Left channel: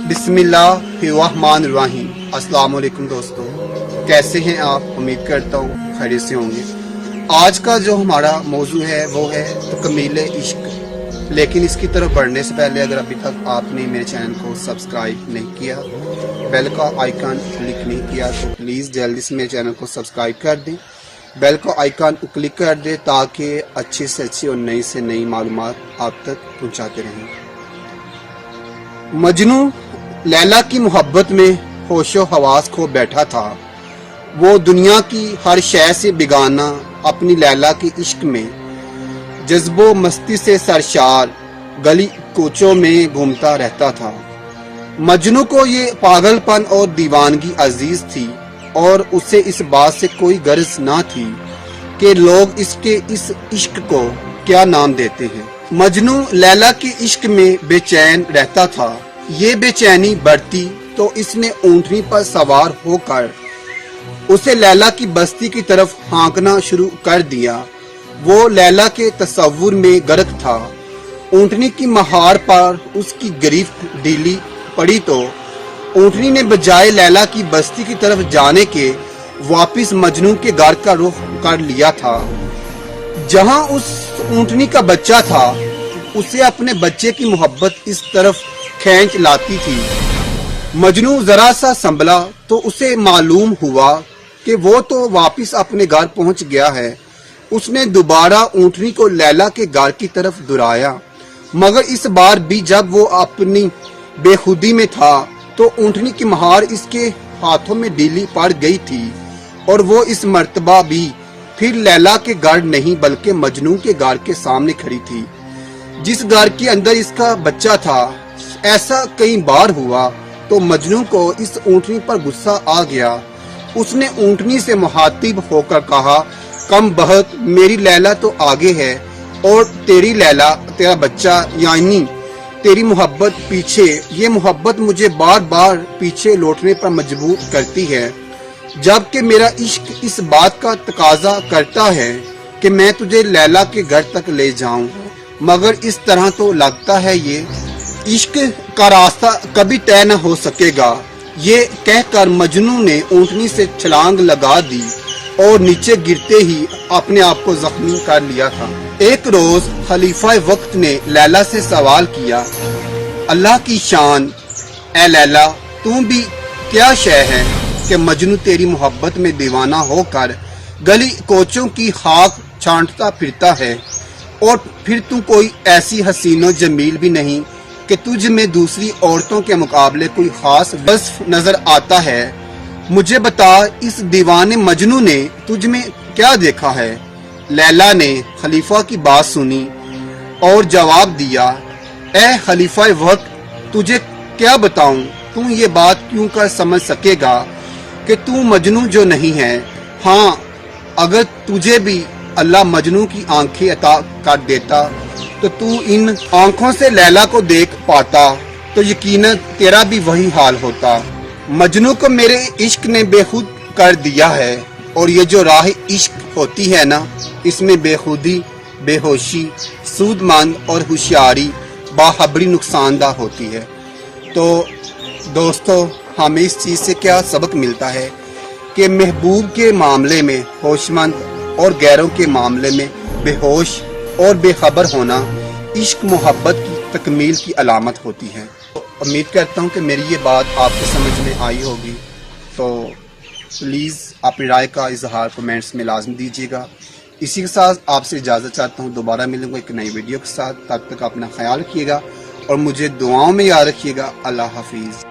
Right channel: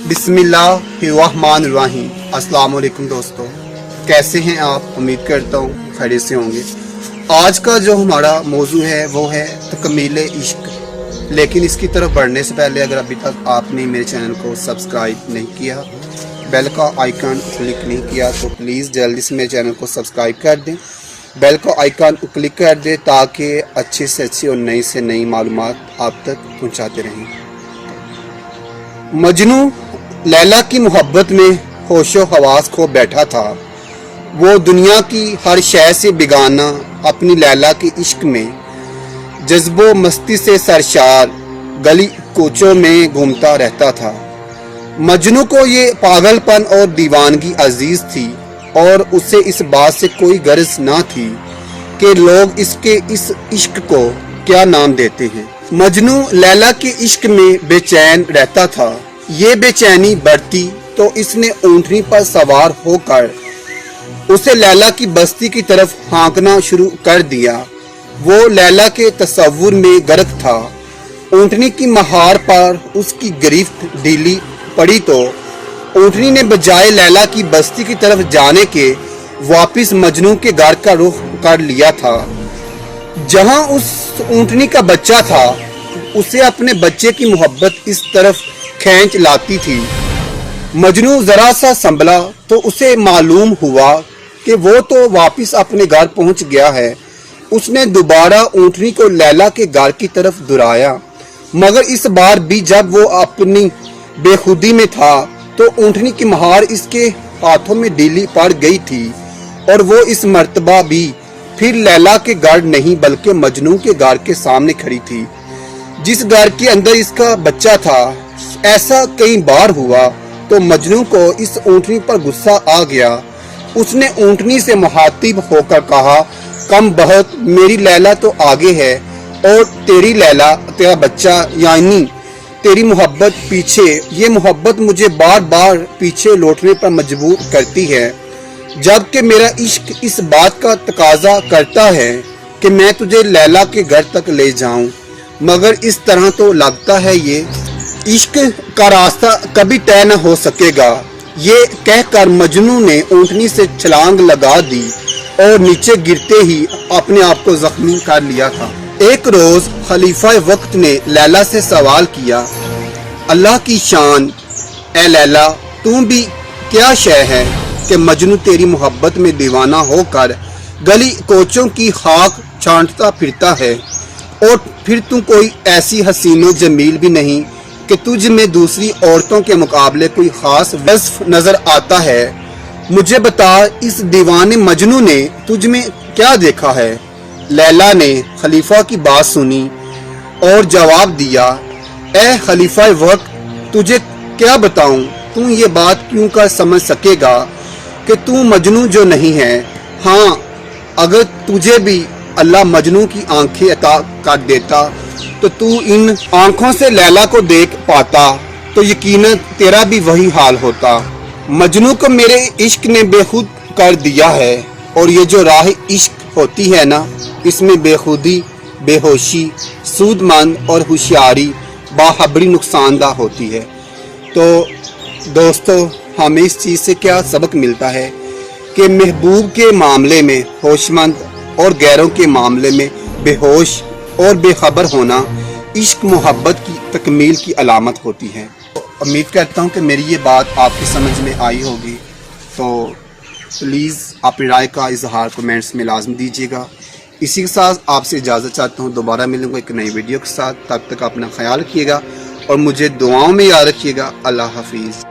बिस्मिल्लाहिर्रहमानिर्रहीम। अस्सलाम वालेकुम दोस्तों, कैसे हैं आप? उम्मीद करता हूँ खैरियत से होंगे। आज का जो हमारा मौजू है वो है तकमील इश्क। लेकिन इसकी तरफ बढ़ने से पहले अगर अभी तक आपने मेरे चैनल को सब्सक्राइब नहीं किया, बेल का आइकन क्लिक नहीं किया, तो प्लीज़ जल्दी से मेरे चैनल को सब्सक्राइब कर दें, बेल का आइकन क्लिक कर दें ताकि अच्छे से अच्छी और नई से नई मालूमात आप तक पहुँचाते रहें। मजनू लैला की मोहब्बत में होशो हवास खो बैठा था। वो दुनिया की हर शय से बेगाना अपनी लैला के इश्क में जज्बो मस्ती से सरशार गली कोचों में घूमता रहता था। मजनू को ये पागलपन और दीवानगी अजीज थी और उसे इस बात से कोई गर्ज ना थी कि लोग इसके इस इश्क को क्या नाम देते हैं। मजनू लैला के इश्क में बेचैन रहता था। ये बेचैनी बढ़ती तो इसने ऊँटनी पर सवार होकर उसे लैला की बस्ती की तरफ हाँकना शुरू कर दिया। वो लैला के तस्वुर में गर्क था। ऊँटनी की महार पर उसकी गिरफ्त ढीली पड़ी तो ऊँटनी ने बजाय लैला की बस्ती की तरफ जाने के वापिस मजनू के घर का रुख कर लिया था। जहां उस ऊँटनी का बच्चा था, उसे अपने बच्चे की मोहब्बत इस तरफ खींच लाती थी। मजनू जरा सा संभला तो उसे मालूम हुआ कि वो तो वापिस अपने घर पहुंच गया है। उसने दोबारा ऊँटनी को लैला के घर की तरफ दुराया, मगर इस बार भी जब वो अपनी बेखुदी में था तो ऊँटनी की महार इसके हाथों में ढीली पड़ गई थी और वो इस मर्तबा भी फिर लैला के घर नहीं बल्कि मजनू के घर के सामने खड़ी थी, जिस घर के अंदर इसका बच्चा था। ऐसा कई बार हुआ तो मजनू को इस ऊँटनी पर गुस्सा आ गया। उसने ऊँटनी से मुखातिब होकर कहा, कम बहक, मेरी लैला तो आगे है और तेरी लैला, तेरा बच्चा यानी तेरी मोहब्बत पीछे। ये मोहब्बत मुझे बार बार पीछे लौटने पर मजबूर करती है, जबकि मेरा इश्क इस बात का तकाजा करता है कि मैं तुझे लैला के घर तक ले जाऊं। मगर इस तरह तो लगता है ये इश्क का रास्ता कभी तय न हो सकेगा। ये कहकर मजनू ने ऊँटनी से छलांग लगा दी और नीचे गिरते ही अपने आप को जख्मी कर लिया था। एक रोज खलीफा वक्त ने लैला से सवाल किया, अल्लाह की शान, ए लैला, तू भी क्या शय है कि मजनू तेरी मोहब्बत में दीवाना होकर गली कोचों की खाक छांटता फिरता है और फिर तू कोई ऐसी हसीनो जमील भी नहीं कि तुझ में दूसरी औरतों के मुकाबले कोई खास वस्फ नजर आता है। मुझे बता, इस दीवाने मजनू ने तुझ में क्या देखा है? लैला ने खलीफा की बात सुनी और जवाब दिया, ए खलीफा वक्त, तुझे क्या बताऊं? तू ये बात क्यों कर समझ सकेगा कि तू मजनू जो नहीं है। हाँ, अगर तुझे भी अल्लाह मजनू की आंखें अता कर देता तो तू इन आंखों से लैला को देख पाता, तो यकीनन तेरा भी वही हाल होता। मजनू को मेरे इश्क ने बेखुद कर दिया है और ये जो राह इश्क होती है ना, इसमें बेखुदी, बेहोशी, सूदमंद और होशियारी बाहबड़ी नुकसानदा होती है। तो दोस्तों, हमें इस चीज़ से क्या सबक मिलता है कि महबूब के मामले में होशमंद और गैरों के मामले में बेहोश और बेखबर होना इश्क मोहब्बत की तकमील की अलामत होती है। उम्मीद करता हूँ कि मेरी ये बात आपकी समझ में आई होगी। तो प्लीज़ अपनी राय का इजहार कमेंट्स में लाजमी दीजिएगा। इसी के साथ आपसे इजाज़त चाहता हूँ। दोबारा मिलूंगा एक नई वीडियो के साथ। तब तक अपना ख्याल रखिएगा और मुझे दुआओं में याद रखिएगा। अल्लाह हाफिज़।